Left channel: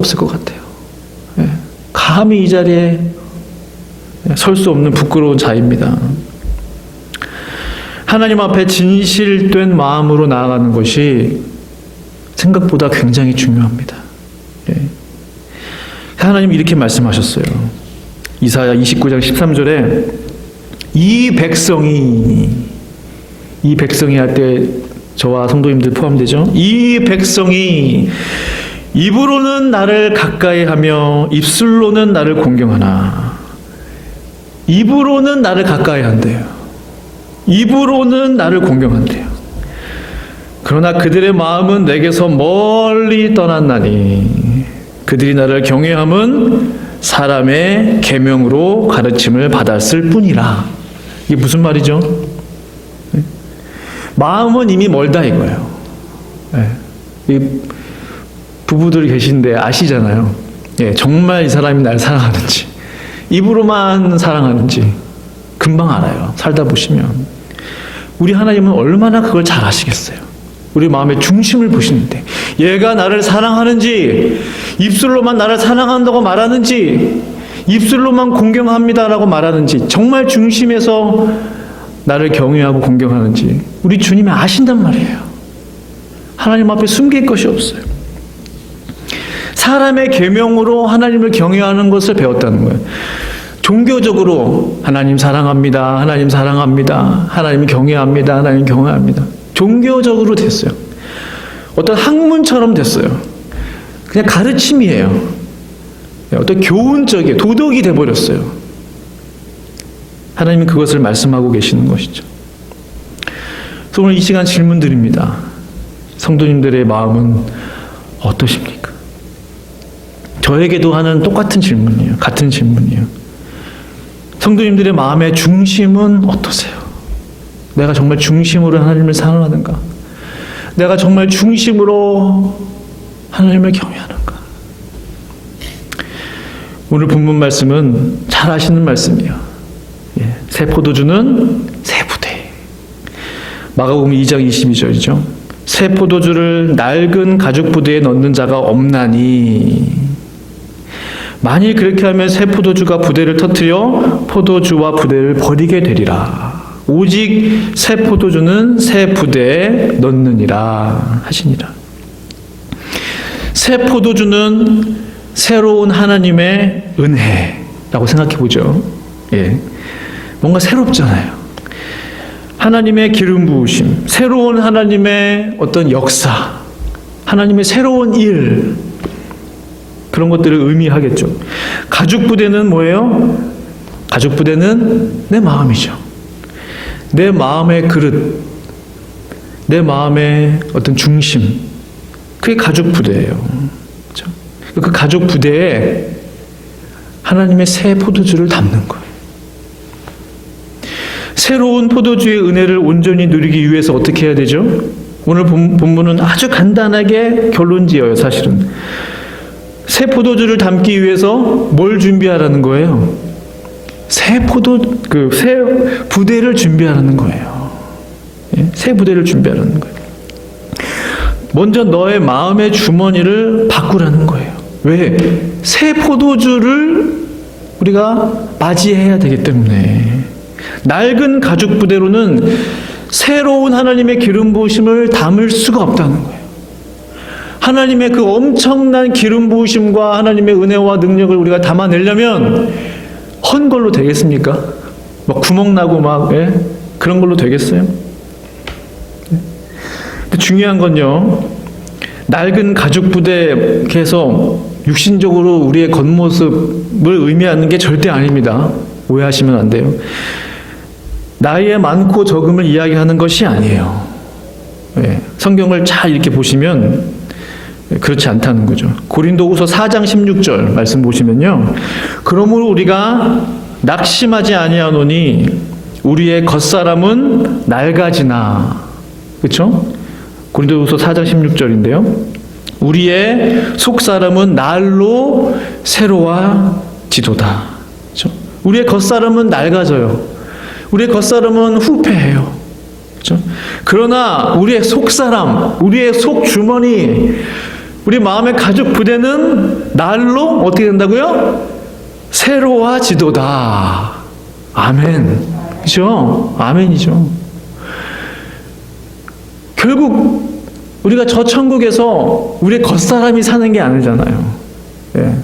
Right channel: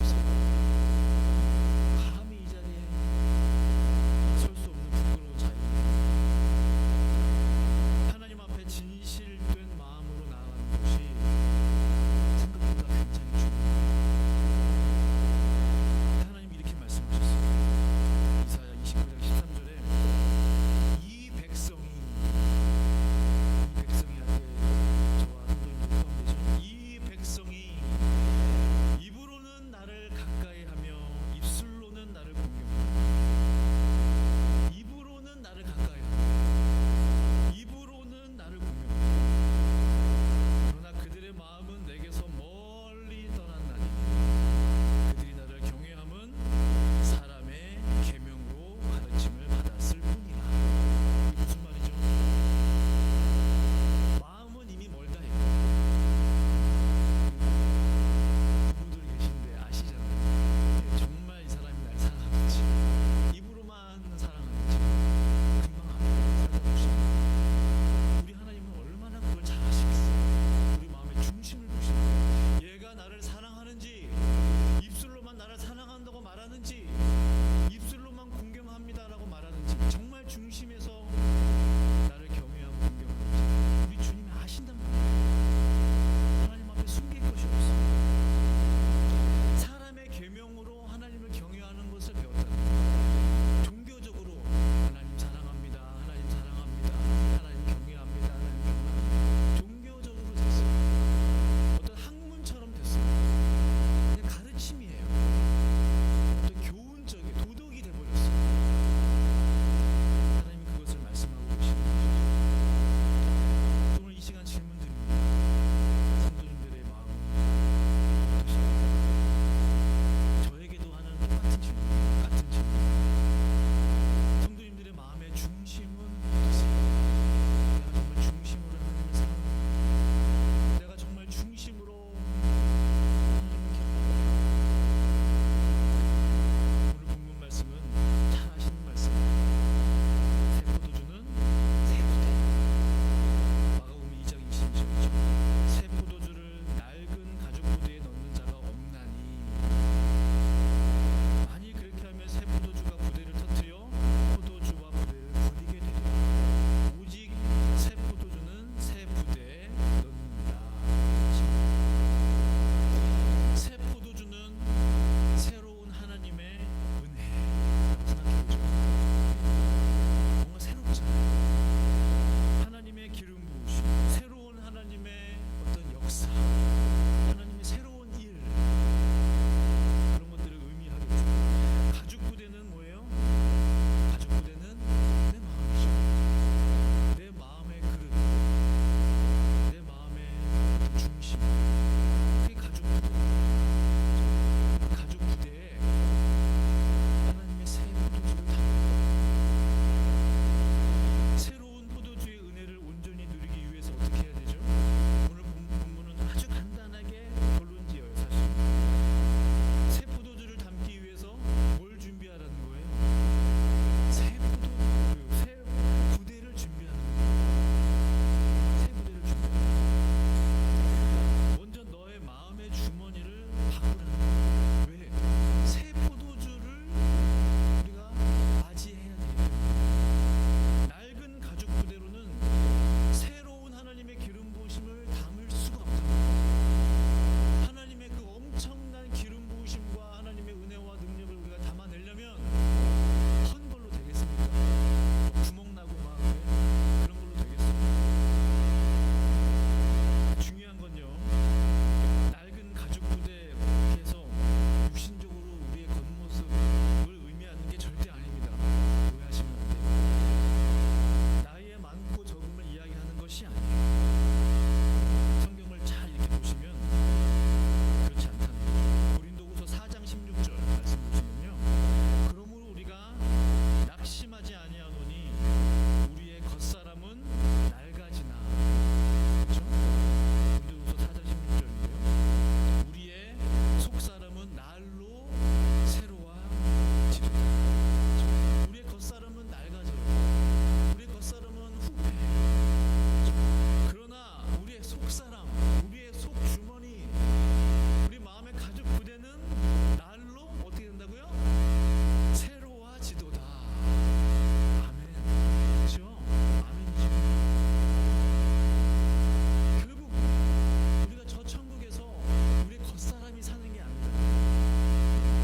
없을 것 같아요. 감히 이 자리에 설 수 없는 부끄러운 자입니다. 하나님 앞에 진실된 마음으로 나아가는 것이 생각보다 굉장히 중요합니다. 하나님 이렇게 말씀하셨어요. 이사야 29장 13절에 이 백성이 할 때 저와 성도님들 포함되죠. 이 백성이 입으로는 나를 가까이하며 입술로는 나를 공경하나. 입으로는 나를 가까이한대요. 입으로는 나를 공경한대요. 그러나 그들의 마음은 내게서 멀리 떠났나니 그들이 나를 경외함은 사람의 계명으로 가르침을 받았을 뿐이라. 이게 무슨 말이죠? 마음은 이미 멀다 이거예요. 이 부부들이 계신데 아시잖아요. 정말 이 사람이 날 사랑하는지, 입으로만 사랑하는지 금방 알아요. 살다 보시면. 우리 하나님은 얼마나 그걸 잘 아시겠어요. 우리 마음의 중심을 보시는데 얘가 나를 사랑하는지, 입술로만 나를 사랑한다고 말하는지, 입술로만 공경합니다라고 말하는지, 정말 중심에서 나를 경외하고 공경하는지 우리 주님이 아신단 말이에요. 하나님 앞에 숨길 것이 없어요. 사람의 계명으로 하나님을 경외하는 것을 배웠다는 거예요. 종교적으로 하나님 사랑합니다, 하나님 사랑합니다, 하나님 경외합니다, 하나님 경외합니다. 종교적으로 됐어요. 어떤 학문처럼 됐어요. 그냥 가르침이에요. 어떤 교훈적인 도덕이 돼버렸어요. 하나님은 그것을 말씀하고 계시는 것이죠. 그래서 오늘 이 시간 질문 드립니다. 성도님들의 마음은 어떠십니까? 저에게도 하는 똑같은 질문이에요. 같은 질문이에요. 성도님들의 마음의 중심은 어떠세요? 내가 정말 중심으로 하나님을 사랑하는가? 내가 정말 중심으로 하나님을 경외하는가? 오늘 본문 말씀은 잘 아시는 말씀이에요. 새 포도주는 새 부대. 마가복음 2장 22절이죠. 새 포도주를 낡은 가죽 부대에 넣는 자가 없나니 만일 그렇게 하면 새 포도주가 부대를 터뜨려 포도주와 부대를 버리게 되리라. 오직 새 포도주는 새 부대에 넣느니라 하시니라. 새 포도주는 새로운 하나님의 은혜라고 생각해 보죠. 뭔가 새롭잖아요. 하나님의 기름 부으심, 새로운 하나님의 어떤 역사, 하나님의 새로운 일, 그런 것들을 의미하겠죠. 가죽 부대는 뭐예요? 가죽 부대는 내 마음이죠. 내 마음의 그릇, 내 마음의 어떤 중심, 그게 가죽 부대예요. 그렇죠? 그 가죽 부대에 하나님의 새 포도주를 담는 거예요. 새로운 포도주의 은혜를 온전히 누리기 위해서 어떻게 해야 되죠? 오늘 본문은 아주 간단하게 결론 지어요. 사실은 새 포도주를 담기 위해서 뭘 준비하라는 거예요? 새 부대를 준비하라는 거예요. 새 부대를 준비하라는 거예요. 먼저 너의 마음의 주머니를 바꾸라는 거예요. 왜? 새 포도주를 우리가 맞이해야 되기 때문에. 낡은 가죽 부대로는 새로운 하나님의 기름 부으심을 담을 수가 없다는 거예요. 하나님의 그 엄청난 기름 부으심과 하나님의 은혜와 능력을 우리가 담아내려면 헌 걸로 되겠습니까? 막 구멍 나고 그런 걸로 되겠어요? 근데 중요한 건요, 낡은 가죽 부대에서 육신적으로 우리의 겉모습을 의미하는 게 절대 아닙니다. 오해하시면 안 돼요. 나이의 많고 적음을 이야기하는 것이 아니에요. 성경을 잘 이렇게 보시면 그렇지 않다는 거죠. 고린도후서 4장 16절 말씀 보시면요, 그러므로 우리가 낙심하지 아니하노니 우리의 겉사람은 낡아지나. 그렇죠? 고린도후서 4장 16절인데요. 우리의 속사람은 날로 새로워지도다. 그렇죠? 우리의 겉사람은 낡아져요. 우리의 겉사람은 후패해요. 그렇죠? 그러나 우리의 속사람, 우리의 속주머니, 우리 마음의 가죽 부대는 날로 어떻게 된다고요? 새로워지도다. 아멘. 그죠? 아멘이죠. 결국 우리가 저 천국에서 우리의 겉사람이 사는 게 아니잖아요. 예.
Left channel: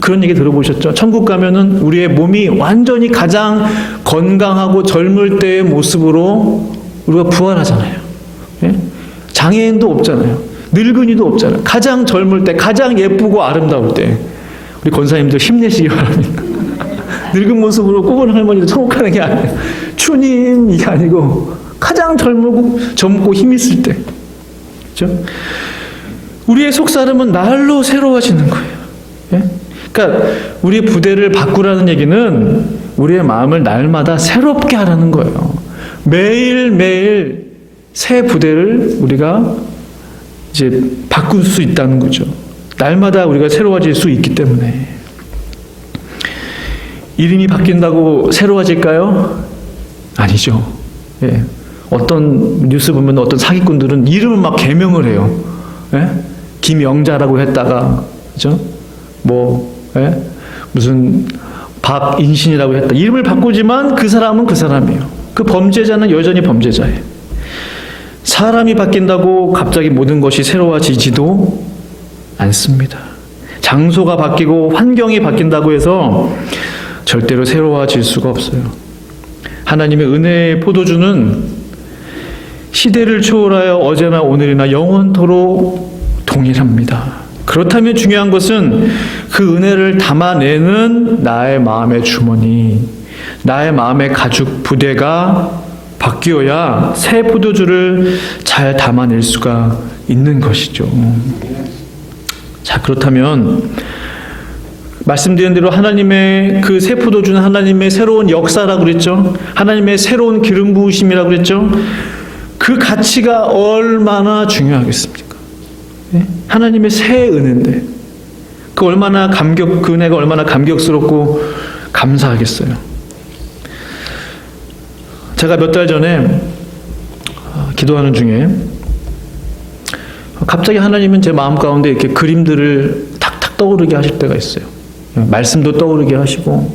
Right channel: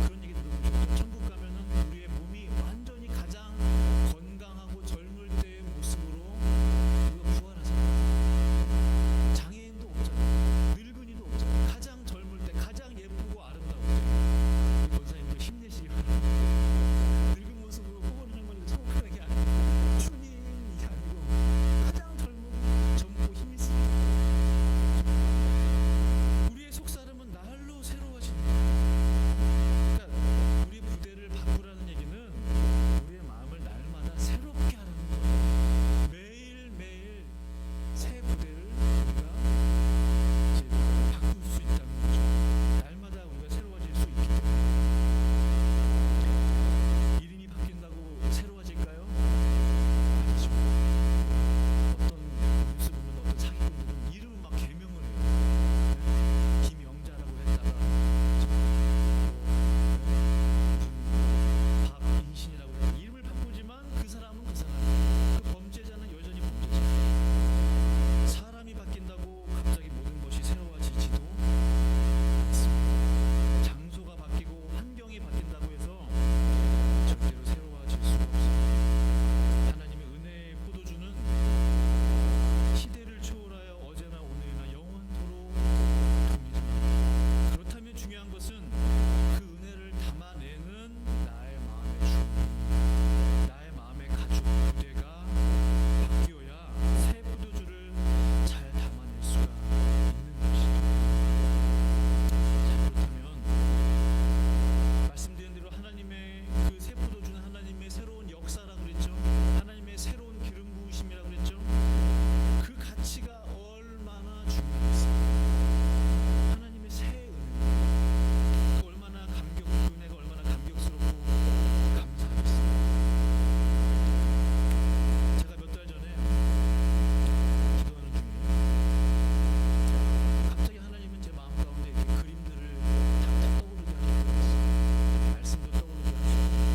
그런 얘기 들어보셨죠? 천국 가면은 우리의 몸이 완전히 가장 건강하고 젊을 때의 모습으로 우리가 부활하잖아요. 예? 장애인도 없잖아요. 늙은이도 없잖아요. 가장 젊을 때, 가장 예쁘고 아름다울 때 우리 권사님들 힘내시기 바랍니다. 늙은 모습으로 꼽은 할머니도 천국 가는 게 아니에요. 주님 이게 아니고 가장 젊고 힘 있을 때. 그렇죠? 우리의 속사람은 날로 새로워지는 거예요. 예? 그러니까 우리의 부대를 바꾸라는 얘기는 우리의 마음을 날마다 새롭게 하라는 거예요. 매일매일 새 부대를 우리가 이제 바꿀 수 있다는 거죠. 날마다 우리가 새로워질 수 있기 때문에. 이름이 바뀐다고 새로워질까요? 아니죠. 예. 어떤 뉴스 보면 어떤 사기꾼들은 이름을 막 개명을 해요. 예? 김영자라고 했다가, 그죠? 예? 무슨 박인신이라고 했다. 이름을 바꾸지만 그 사람은 그 사람이에요. 그 범죄자는 여전히 범죄자예요. 사람이 바뀐다고 갑자기 모든 것이 새로워지지도 않습니다. 장소가 바뀌고 환경이 바뀐다고 해서 절대로 새로워질 수가 없어요. 하나님의 은혜의 포도주는 시대를 초월하여 어제나 오늘이나 영원토록 동일합니다. 그렇다면 중요한 것은 그 은혜를 담아내는 나의 마음의 주머니, 나의 마음의 가죽 부대가 바뀌어야 새 포도주를 잘 담아낼 수가 있는 것이죠. 자, 그렇다면 말씀드린 대로 하나님의 그 새 포도주는 하나님의 새로운 역사라고 그랬죠. 하나님의 새로운 기름 부으심이라고 그랬죠. 그 가치가 얼마나 중요하겠습니까? 네? 하나님의 새 은혜인데 그 은혜가 얼마나 감격스럽고 감사하겠어요. 제가 몇 달 전에 기도하는 중에 갑자기 하나님은 제 마음 가운데 이렇게 그림들을 탁탁 떠오르게 하실 때가 있어요. 말씀도 떠오르게 하시고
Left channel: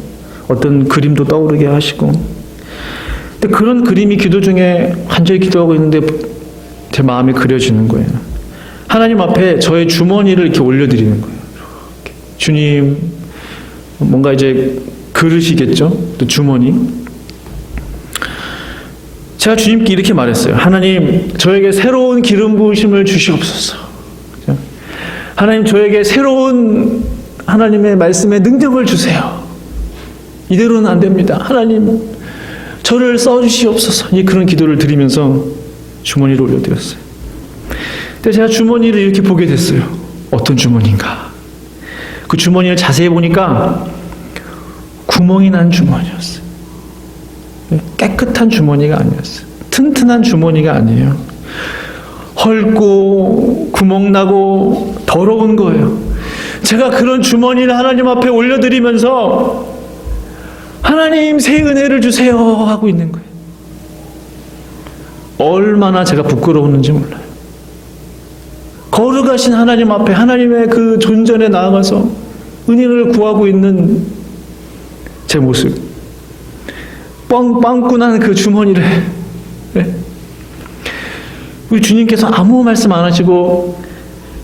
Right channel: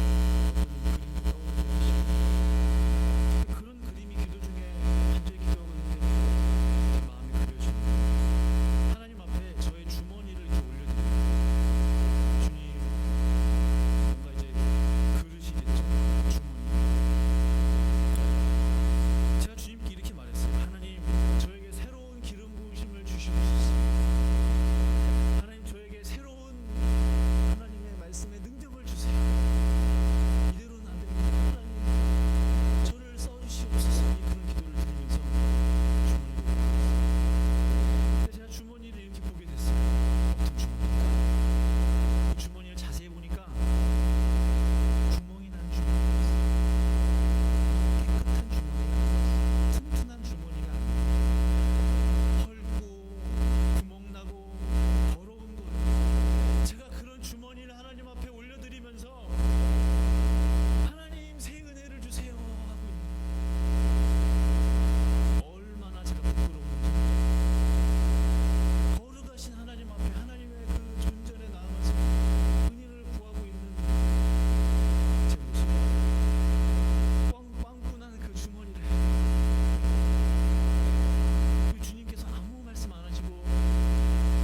어떤 그림도 떠오르게 하시고. 근데 그런 그림이 기도 중에 간절히 기도하고 있는데 제 마음에 그려지는 거예요. 하나님 앞에 저의 주머니를 이렇게 올려드리는 거예요. 이렇게. 주님, 뭔가 이제 그릇이겠죠? 또 주머니. 제가 주님께 이렇게 말했어요. 하나님, 저에게 새로운 기름 부으심을 주시옵소서. 하나님, 저에게 새로운 하나님의 말씀에 능력을 주세요. 이대로는 안 됩니다. 하나님, 저를 써주시옵소서. 그런 기도를 드리면서 주머니를 올려드렸어요. 근데 제가 주머니를 이렇게 보게 됐어요. 어떤 주머니인가? 그 주머니를 자세히 보니까 구멍이 난 주머니였어요. 깨끗한 주머니가 아니었어요. 튼튼한 주머니가 아니에요. 헐고 구멍나고 더러운 거예요. 제가 그런 주머니를 하나님 앞에 올려드리면서 하나님 새 은혜를 주세요 하고 있는 거예요. 얼마나 제가 부끄러웠는지 몰라요. 거룩하신 하나님 앞에 하나님의 그 존전에 나아가서 은혜를 구하고 있는 제 모습, 빵꾸난 그 주머니를, 네? 우리 주님께서 아무 말씀 안 하시고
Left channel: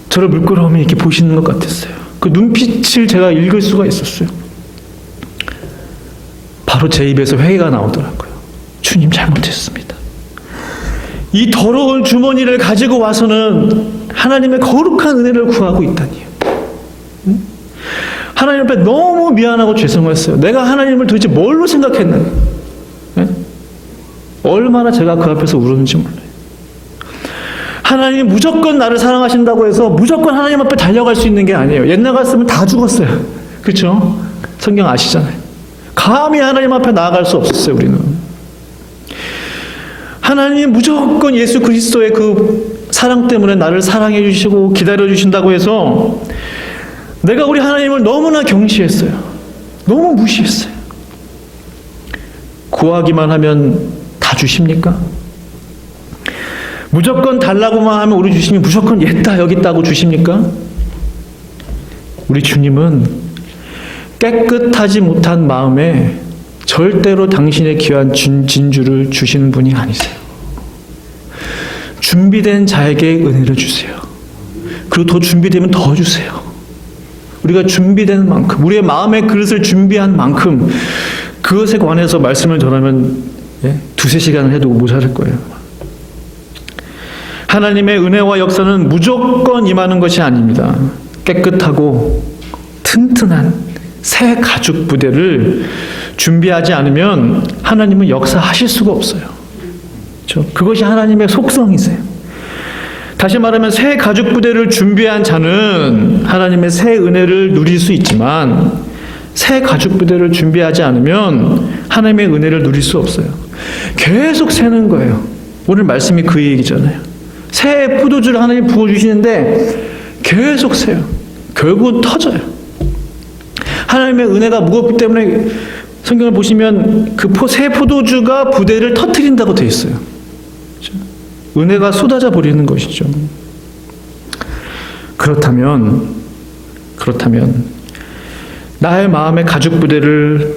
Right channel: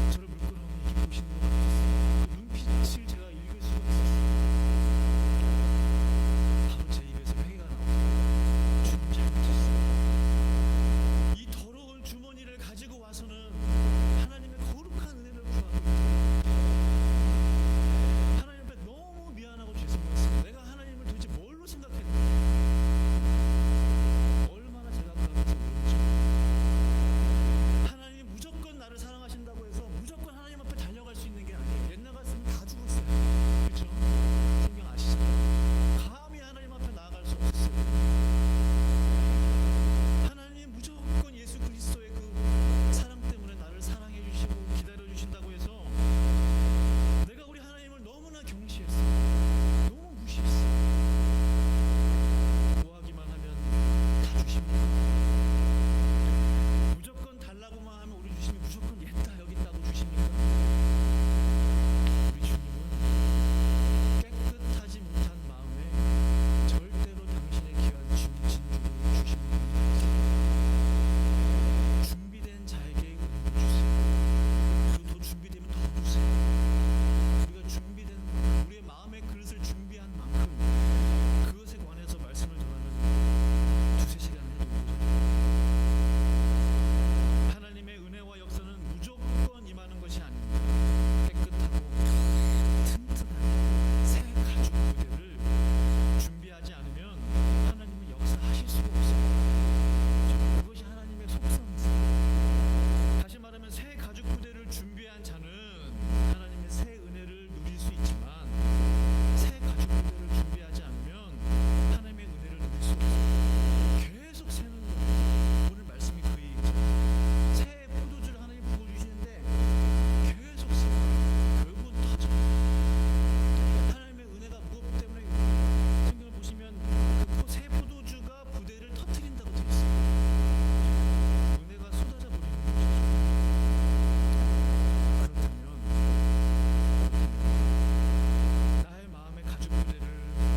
저를 물끄러미 이렇게 보시는 것 같았어요. 그 눈빛을 제가 읽을 수가 있었어요. 바로 제 입에서 회개가 나오더라고요. 주님, 잘못했습니다. 이 더러운 주머니를 가지고 와서는 하나님의 거룩한 은혜를 구하고 있다니요. 하나님 앞에 너무 미안하고 죄송했어요. 내가 하나님을 도대체 뭘로 생각했는가? 얼마나 제가 그 앞에서 울었는지 몰라요. 하나님이 무조건 나를 사랑하신다고 해서 무조건 하나님 앞에 달려갈 수 있는 게 아니에요. 옛날 같으면 다 죽었어요. 그렇죠? 성경 아시잖아요. 감히 하나님 앞에 나아갈 수 없었어요. 우리는. 하나님 무조건 예수 그리스도의 그 사랑 때문에 나를 사랑해 주시고 기다려 주신다고 해서 내가 우리 하나님을 너무나 경시했어요. 너무 무시했어요. 구하기만 하면 다 주십니까? 무조건 달라고만 하면 우리 주시면 무조건 여기 있다고 주십니까? 우리 주님은 깨끗하지 못한 마음에 절대로 당신의 귀한 진주를 주시는 분이 아니세요. 준비된 자에게 은혜를 주세요. 그리고 더 준비되면 더 주세요. 우리가 준비된 만큼, 우리의 마음의 그릇을 준비한 만큼 그것에 관해서 말씀을 전하면 두세 시간을 해도 모자랄 거예요. 하나님의 은혜와 역사는 무조건 임하는 것이 아닙니다. 깨끗하고 튼튼한 새 가죽 부대를 준비하지 않으면 하나님은 역사하실 수가 없어요. 그렇죠? 그것이 하나님의 속성이세요. 다시 말하면 새 가죽 부대를 준비한 자는 하나님의 새 은혜를 누릴 수 있지만 새 가죽 부대를 준비하지 않으면 하나님의 은혜를 누릴 수 없어요. 계속 새는 거예요. 오늘 말씀이 그 얘기잖아요. 새 포도주를 하나님 부어주시는데 계속 새요. 결국은 터져요. 하나님의 은혜가 무겁기 때문에 성경을 보시면 그 새 포도주가 부대를 터뜨린다고 되어 있어요. 그렇죠? 은혜가 쏟아져 버리는 것이죠. 그렇다면 나의 마음의 가죽 부대를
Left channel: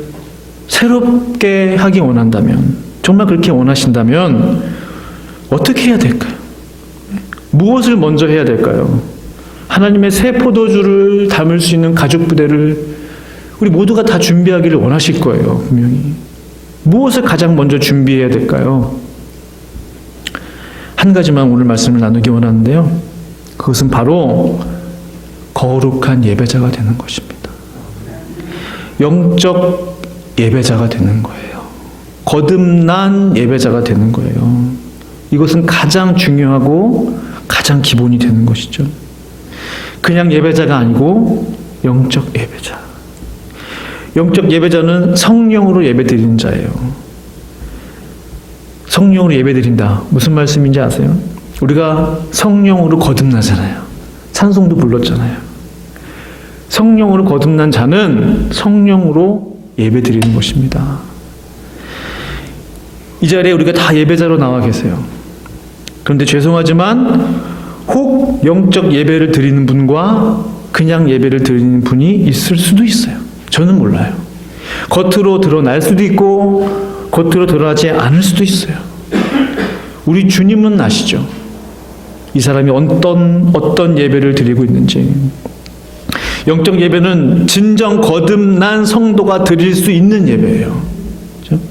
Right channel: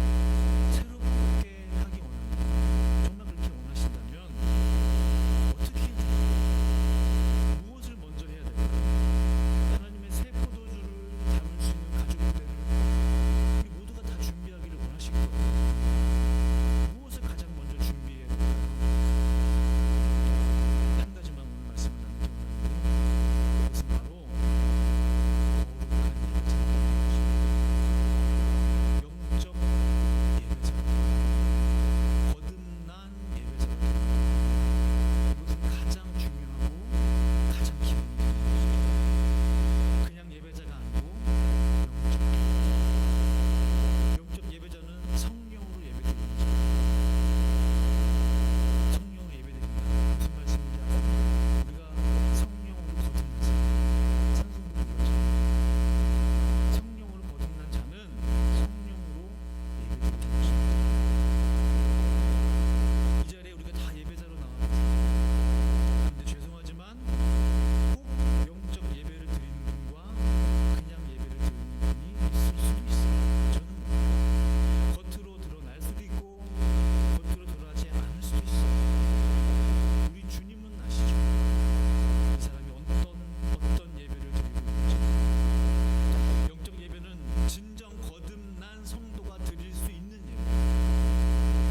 새롭게 하기 원한다면, 정말 그렇게 원하신다면 어떻게 해야 될까요? 무엇을 먼저 해야 될까요? 하나님의 새 포도주를 담을 수 있는 가죽 부대를 우리 모두가 다 준비하기를 원하실 거예요. 분명히. 무엇을 가장 먼저 준비해야 될까요? 한 가지만 오늘 말씀을 나누기 원하는데요. 그것은 바로 거룩한 예배자가 되는 것입니다. 영적 예배자가 되는 거예요. 거듭난 예배자가 되는 거예요. 이것은 가장 중요하고 가장 기본이 되는 것이죠. 그냥 예배자가 아니고 영적 예배자. 영적 예배자는 성령으로 예배드리는 자예요. 성령으로 예배드린다. 무슨 말씀인지 아세요? 우리가 성령으로 거듭나잖아요. 찬송도 불렀잖아요. 성령으로 거듭난 자는 성령으로 예배드리는 것입니다. 이 자리에 우리가 다 예배자로 나와 계세요. 그런데 죄송하지만 혹 영적 예배를 드리는 분과 그냥 예배를 드리는 분이 있을 수도 있어요. 저는 몰라요. 겉으로 드러날 수도 있고 겉으로 드러나지 않을 수도 있어요. 우리 주님은 아시죠? 이 사람이 어떤 예배를 드리고 있는지. 영적 예배는 진정 거듭난 성도가 드릴 수 있는 예배예요. 그렇죠?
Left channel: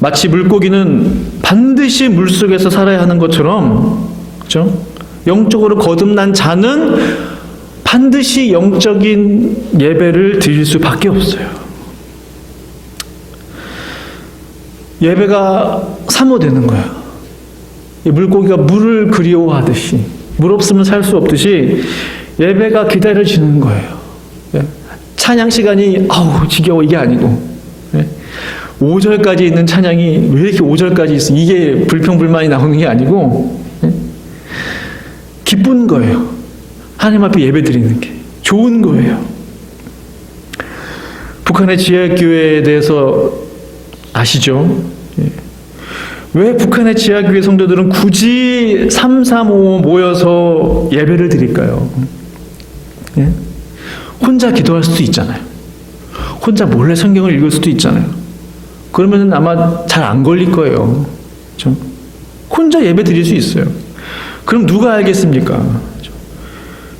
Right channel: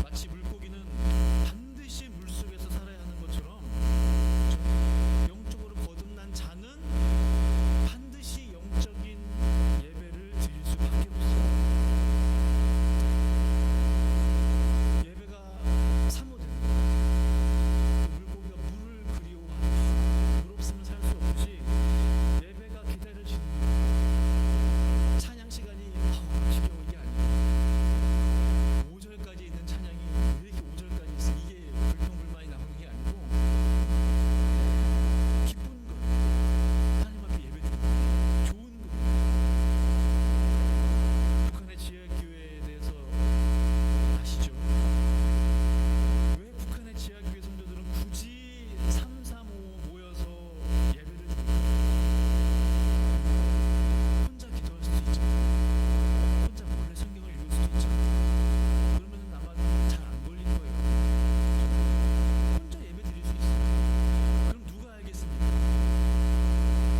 마치 물고기는 반드시 물속에서 살아야 하는 것처럼, 그렇죠? 영적으로 거듭난 자는 반드시 영적인 예배를 드릴 수밖에 없어요. 예배가 사모되는 거예요. 물고기가 물을 그리워하듯이, 물 없으면 살 수 없듯이 예배가 기다려지는 거예요. 찬양 시간이 지겨워 이게 아니고 5절까지 있는 찬양이 왜 이렇게 5절까지 있어, 이게 불평불만이 나오는 게 아니고 기쁜 거예요. 하나님 앞에 예배 드리는 게 좋은 거예요. 북한의 지하교회에 대해서 아시죠? 왜 북한의 지하교회 성도들은 굳이 335 모여서 예배를 드릴까요? 혼자 기도할 수도 있잖아요. 혼자 몰래 성경을 읽을 수도 있잖아요. 그러면 아마 잘 안 걸릴 거예요. 그렇죠? 혼자 예배 드릴 수 있어요. 그럼 누가 알겠습니까?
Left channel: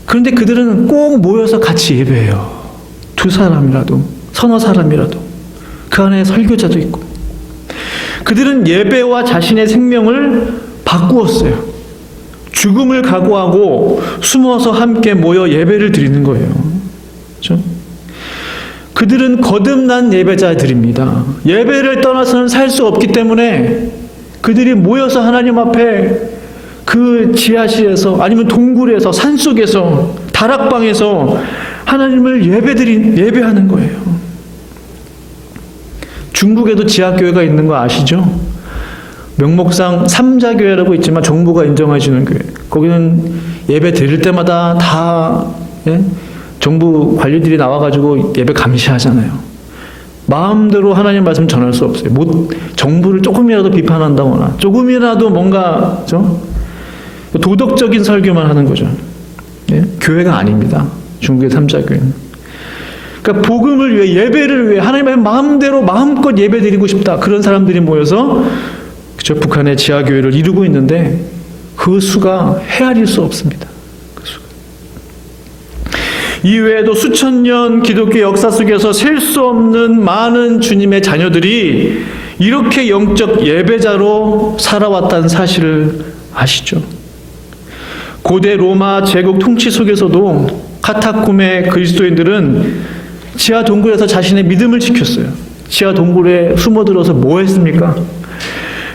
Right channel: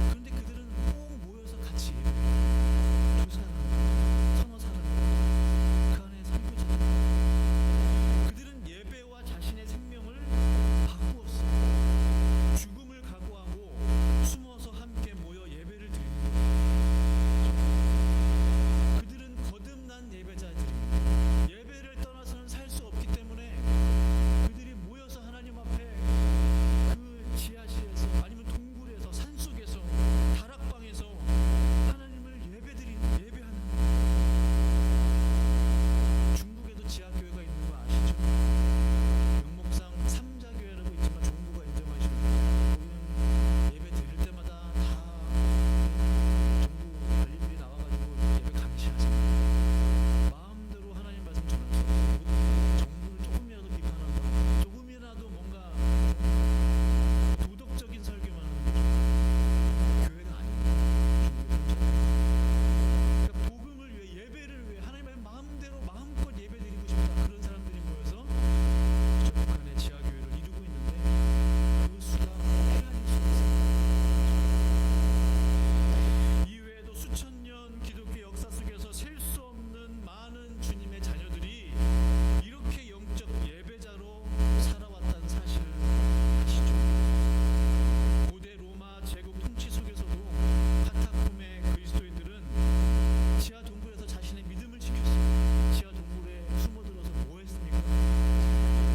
그런데 그들은 꼭 모여서 같이 예배해요. 2사람이라도, 서너 사람이라도. 그 안에 설교자도 있고. 그들은 예배와 자신의 생명을 바꾸었어요. 죽음을 각오하고 숨어서 함께 모여 예배를 드리는 거예요. 그렇죠? 그들은 거듭난 예배자들입니다. 예배를 떠나서는 살 수 없기 때문에 그들이 모여서 하나님 앞에 그 지하실에서 아니면 동굴에서 산속에서 다락방에서 하나님을 예배하는 거예요. 중국에도 지하교회가 있는 거 아시죠? 명목상 삼자교회라고 있지만 정부가 인정해주는 교회. 거기는 예배 드릴 때마다 다 정부 관리들이 나와가지고 예배 감시하잖아요. 마음대로 하나님 말씀 전할 수 없어요. 정부를 조금이라도 비판한다거나 조금이라도 뭔가 도덕적인 설교만 하는 거죠. 교회가 아닙니다. 중국의 삼자교회는. 그러니까 복음을 위해, 예배를 위해 하나님의 마음대로 마음껏 예배드리고 싶다, 그런 사람들이 모여서 그저 북한의 지하교회를 이루고 있는데 그 수가 헤아릴 수 없습니다. 그 수가. 이외에도 수천 년 기독교 역사 속에서 셀 수 없는 많은 주님의 자녀들이 이렇게 영적 예배자로 살아왔다는 사실을 아시죠? 고대 로마 제국 통치 속에서도 카타콤의 그리스도인들은 지하 동굴에서 자신의 믿음을 지켰어요. 지하 동굴에 숨어들어서 뭐 했습니까?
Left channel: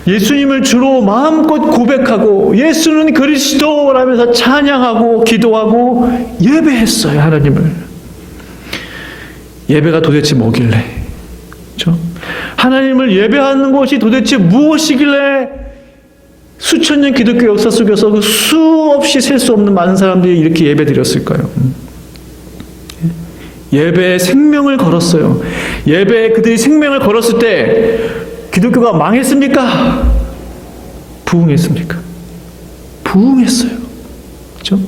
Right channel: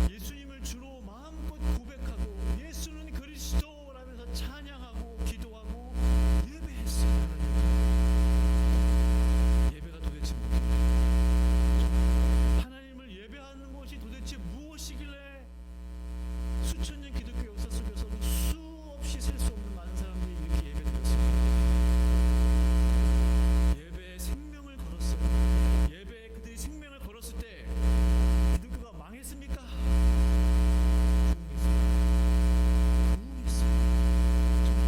예수님을 주로 마음껏 고백하고 예수는 그리스도라면서 찬양하고 기도하고 예배했어요. 하나님을. 예배가 도대체 뭐길래, 그렇죠? 하나님을 예배하는 것이 도대체 무엇이길래 수천 년 기독교 역사 속에서 그 수없이 셀 수 없는 많은 사람들이 이렇게 예배드렸을까요? 예배에 생명을 걸었어요. 예배에 그들이 생명을 걸었을 때 기독교가 망했습니까? 부흥했습니까? 부흥했어요. 그렇죠?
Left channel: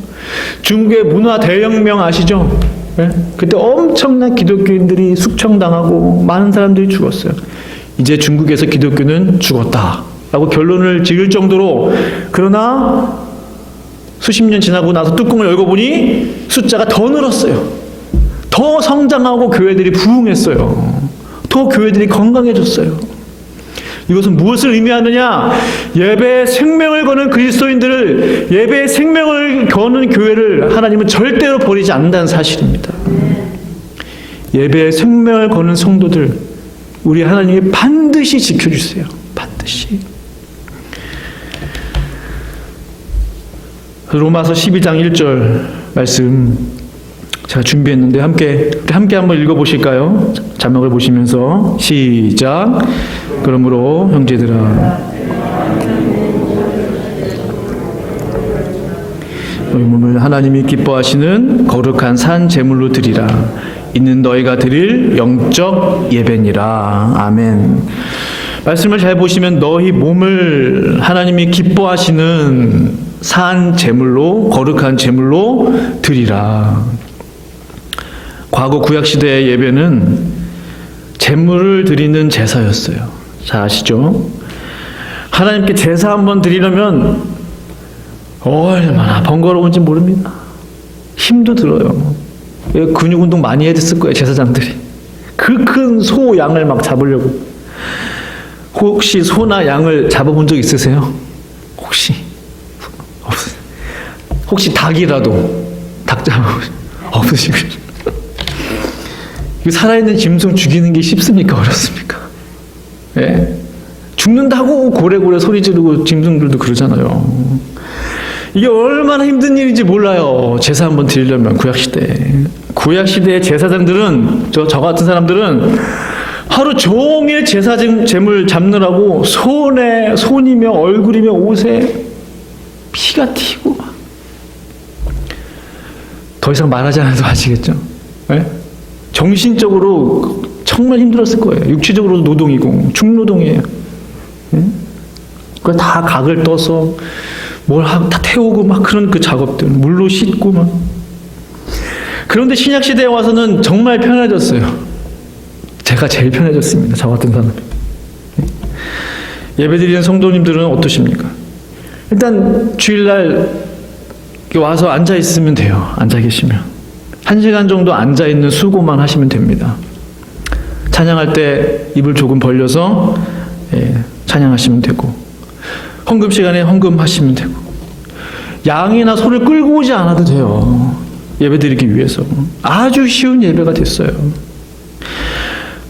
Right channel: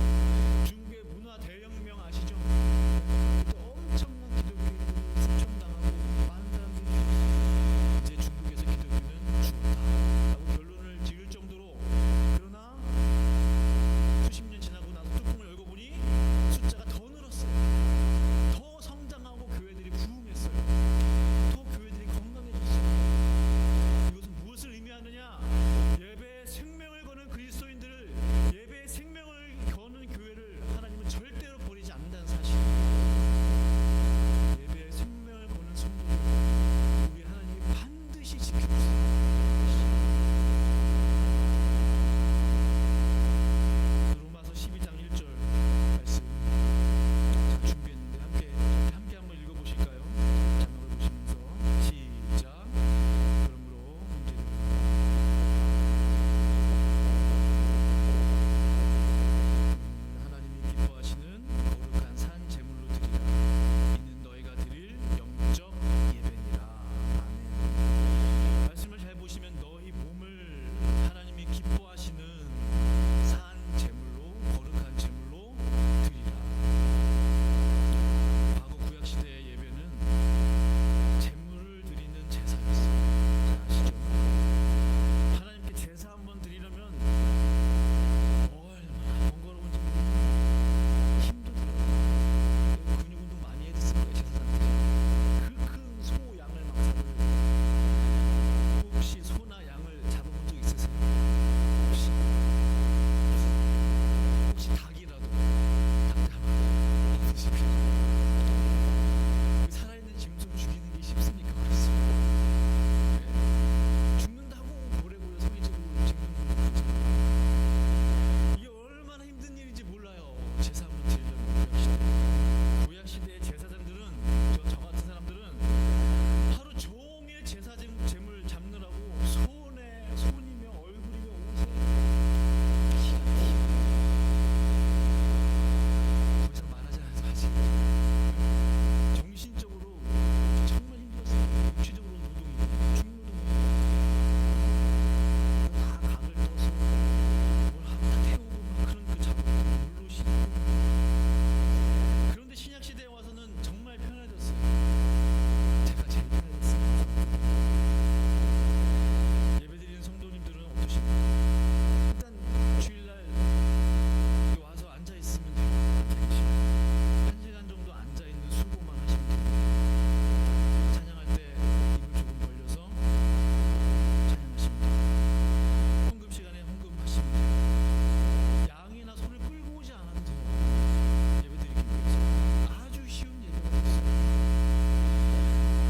중국의 문화 대혁명 아시죠? 네? 그때 엄청난 기독교인들이 숙청당하고 많은 사람들이 죽었어요. 이제 중국에서 기독교는 죽었다라고 결론을 지을 정도로, 그러나 수십 년 지나고 나서 뚜껑을 열고 보니 숫자가 더 늘었어요. 더 성장하고 교회들이 부흥했어요. 더 교회들이 건강해졌어요. 이것은 무엇을 의미하느냐? 예배에 생명을 거는 그리스도인들을, 예배에 생명을 거는 교회를 하나님은 절대로 버리지 않는다는 사실입니다. 예배에 생명을 거는 성도들, 우리 하나님이 반드시 지켜주세요. 반드시. 로마서 12장 1절 말씀 제가 준비했는데 함께 한번 읽어보실까요? 자막을 보시면서 시작. 그러므로 형제들아, 너희 몸을 하나님이 기뻐하시는 거룩한 산 제물로 드리라. 이는 너희가 드릴 영적 예배니라. 아멘. 말씀을 잘 보시면 너희 몸을 하나님이 기뻐하시는 산 제물로, 거룩한 제물로 드리라. 과거 구약시대의 예배는 제물을 드리는 제사였어요. 잘 아시죠? 하나님께 제사 한번 드리려면 얼마나 번거로운지 모릅니다. 힘도 들어요. 근육 운동 많이 했을 거예요, 제사장들이. 그 큰 소, 양을 막 잡으려고. 혹시 소나 양을 잡아본 적 있으세요? 혹시 닭이라도 닭 잡아보세요. 없으시고요. 살아있는 짐승 죽이는 게 쉽습니까? 어렵습니까? 예? 죽는다고 고래고래 소리 지르고 짐승들도 그러잖아요. 이게 얼마나 힘든 일인지 몰라요. 제사 한번 드리려면. 구약시대의 제사장들은, 저 같은 사람들은 하루 종일 제사 제물 잡느라고 손이며 얼굴이며 옷에 피가 튀고, 더 이상 말하지 않아도 아시겠죠? 예? 정신적으로 정말 힘들었을 거예요. 육체적으로도 노동이고 중노동이에요. 그 다 각을 떠서 다 태우고 막 그런 그 작업들, 물로 씻고 막. 그런데 신약 시대에 와서는 정말 편해졌어요. 제가 제일 편해졌습니다. 저 같은 사람. 예배드리는 성도님들은 어떠십니까? 일단 주일날 와서 앉아 있으면 돼요. 앉아 계시면. 1시간 정도 앉아있는 수고만 하시면 됩니다. 찬양할 때 입을 조금 벌려서 찬양하시면 되고, 헌금 시간에 헌금하시면 되고, 양이나 소를 끌고 오지 않아도 돼요. 예배드리기 위해서. 아주 쉬운 예배가 됐어요.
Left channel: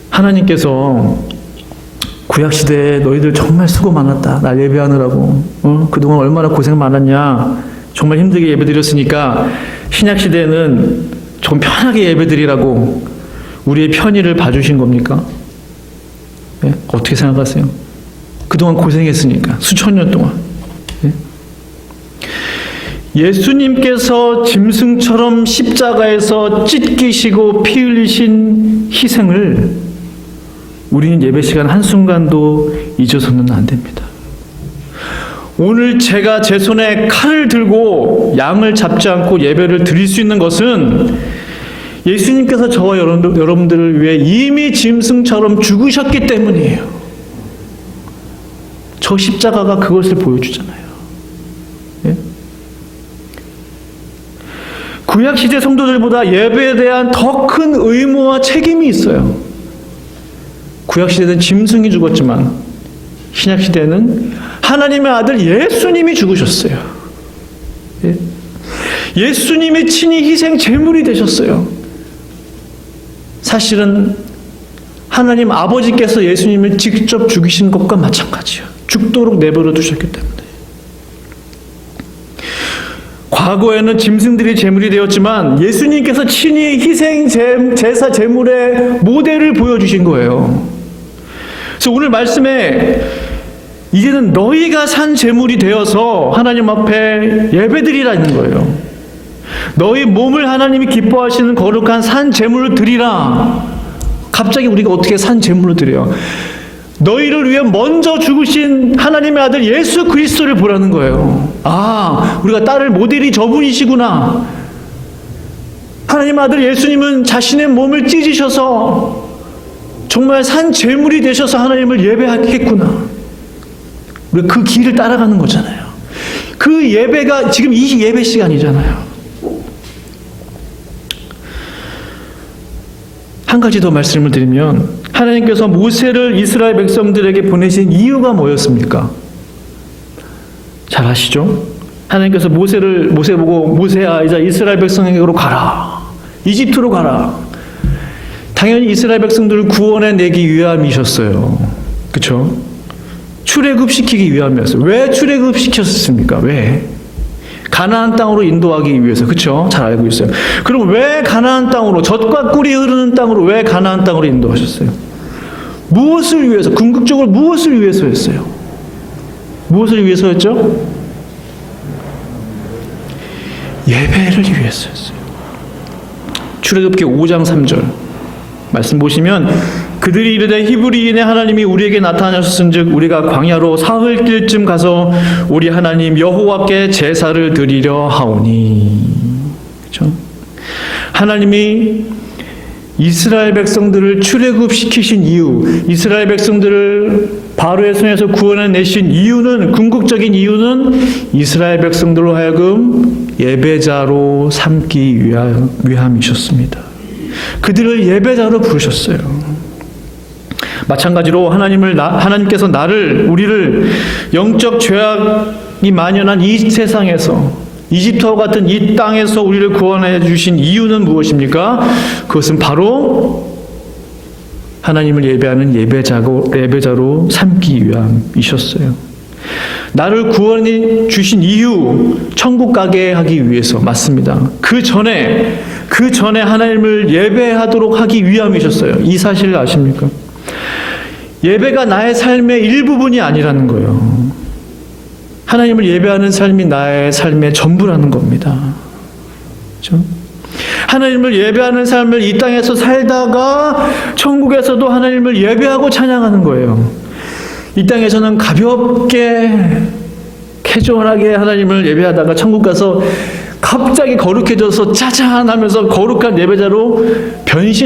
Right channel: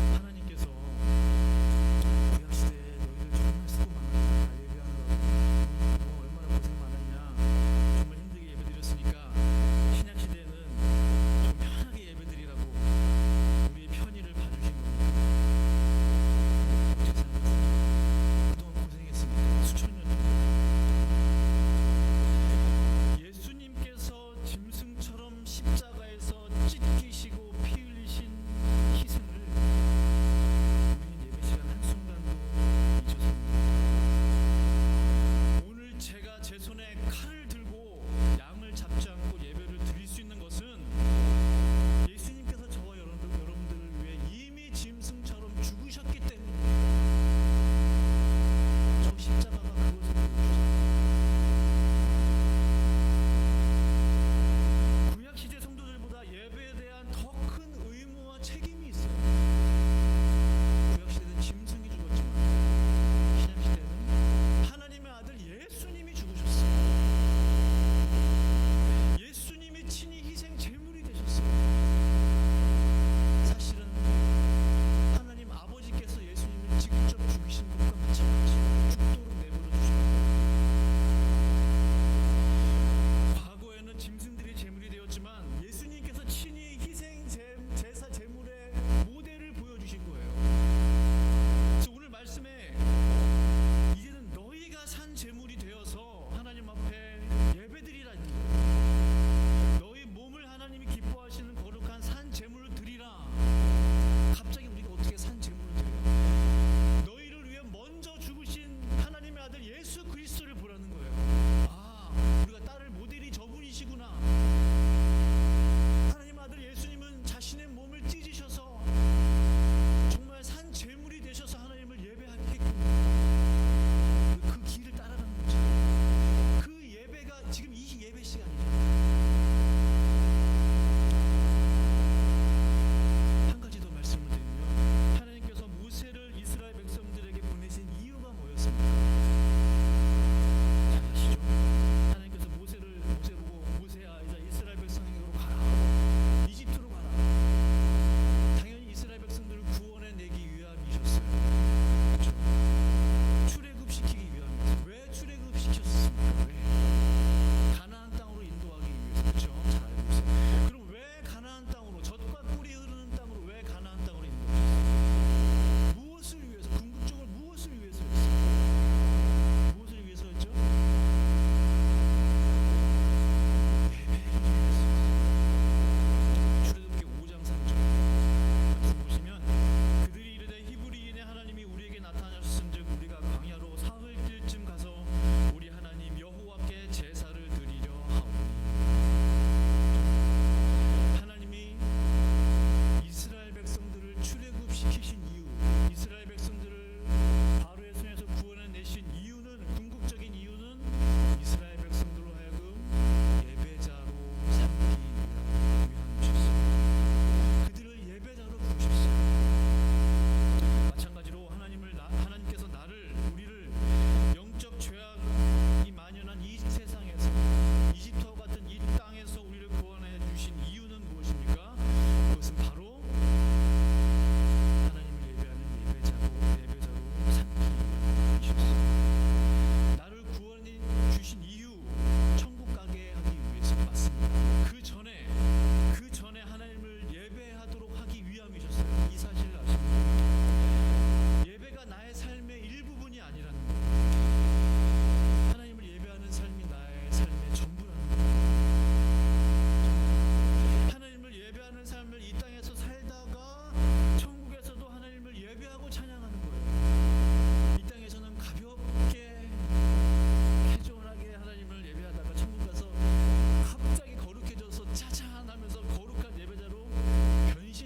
하나님께서 구약시대에 너희들 정말 수고 많았다. 날 예배하느라고. 그동안 얼마나 고생 많았냐. 정말 힘들게 예배드렸으니까 신약시대에는 좀 편하게 예배드리라고 우리의 편의를 봐주신 겁니까? 네? 어떻게 생각하세요? 그동안 고생했으니까 수천 년 동안. 네? 예수님께서 짐승처럼 십자가에서 찢기시고 피 흘리신 희생을 우리는 예배 시간 한순간도 잊어서는 안 됩니다. 오늘 제가 제 손에 칼을 들고 양을 잡지 않고 예배를 드릴 수 있는 것은 예수님께서 저와 여러분들을 위해 이미 짐승처럼 죽으셨기 때문이에요. 저 십자가가 그것을 보여주잖아요. 예? 구약시대 성도들보다 예배에 대한 더 큰 의무와 책임이 있어요. 구약시대는 짐승이 죽었지만 신약시대는 하나님의 아들 예수님이 죽으셨어요. 예? 예수님이 친히 희생 제물이 되셨어요. 사실은 하나님 아버지께서 예수님을 직접 죽이신 것과 마찬가지예요. 죽도록 내버려 두셨기 때문에. 과거에는 짐승들이 제물이 되었지만 예수님께서 친히 희생 제사 제물의 모델을 보여주신 거예요. 그래서 오늘 말씀에 이제는 너희가 산 제물이 되어서 하나님 앞에 예배드리라는 거예요. 너희 몸을 하나님이 기뻐하시는 거룩한 산 제물을 드리라. 갑자기 우리가 어떻게 산 제물을 드려요? 너희를 위해 먼저 죽으신 하나님의 아들 예수 그리스도를 보라는 거예요. 아, 우리가 따를 모델이 저분이시구나. 하나님의 아들 예수님은 자신의 몸을 찢으셔서 정말 산 제물이 되셔서 하나님을 예배하겠구나. 우리가 그 길을 따라가는 거잖아요. 그 예배가 지금 이 예배 시간이잖아요. 한 가지 더 말씀을 드리면 하나님께서 모세를 이스라엘 백성들에게 보내신 이유가 뭐였습니까? 잘 아시죠? 하나님께서 모세 보고 모세야 이제 이스라엘 백성에게로 가라. 이집트로 가라. 당연히 이스라엘 백성들을 구원해 내기 위함이셨어요. 그렇죠? 출애굽시키기 위함이었어요. 왜 출애굽시켰습니까? 왜? 가나안 땅으로 인도하기 위해서. 그렇죠? 잘 알고 있어요. 그럼 왜 가나안 땅으로, 젖과 꿀이 흐르는 땅으로 왜 가나안 땅으로 인도하셨어요? 무엇을 위해서? 궁극적으로 무엇을 위해서였어요? 무엇을 위해서였죠? 예배를 위해서였어요. 출애굽기 5장 3절 말씀 보시면 그들이 이르되 히브리인의 하나님이 우리에게 나타나셨은즉 우리가 광야로 사흘길쯤 가서 우리 하나님 여호와께 제사를 드리려 하오니. 그렇죠? 하나님이 이스라엘 백성들을 출애굽시키신 이유, 이스라엘 백성들을 바로의 손에서 구원해내신 이유는, 궁극적인 이유는 이스라엘 백성들로 하여금 예배자로 삼기 위함이셨습니다. 그들을 예배자로 부르셨어요. 마찬가지로 하나님께서 우리를 영적 죄악이 만연한 이 세상에서, 이집트와 같은 이 땅에서 우리를 구원해 주신 이유는 무엇입니까? 그것은 바로 하나님을 예배하는 예배자로 삼기 위함이셨어요. 나를 구원해 주신 이유, 천국 가게 하기 위해서. 맞습니다. 그 전에 하나님을 예배하도록 하기 위함이셨어요. 이 사실을 아십니까? 예배가 나의 삶의 일부분이 아니라는 거예요. 하나님을 예배하는 삶이 나의 삶의 전부라는 겁니다. 그렇죠? 하나님을 예배하는 삶을 이 땅에서 살다가 천국에서도 하나님을 예배하고 찬양하는 거예요. 이 땅에서는 가볍게 캐주얼하게 하나님을 예배하다가 천국 가서 갑자기 거룩해져서 짜잔 하면서 거룩한 예배자로 변신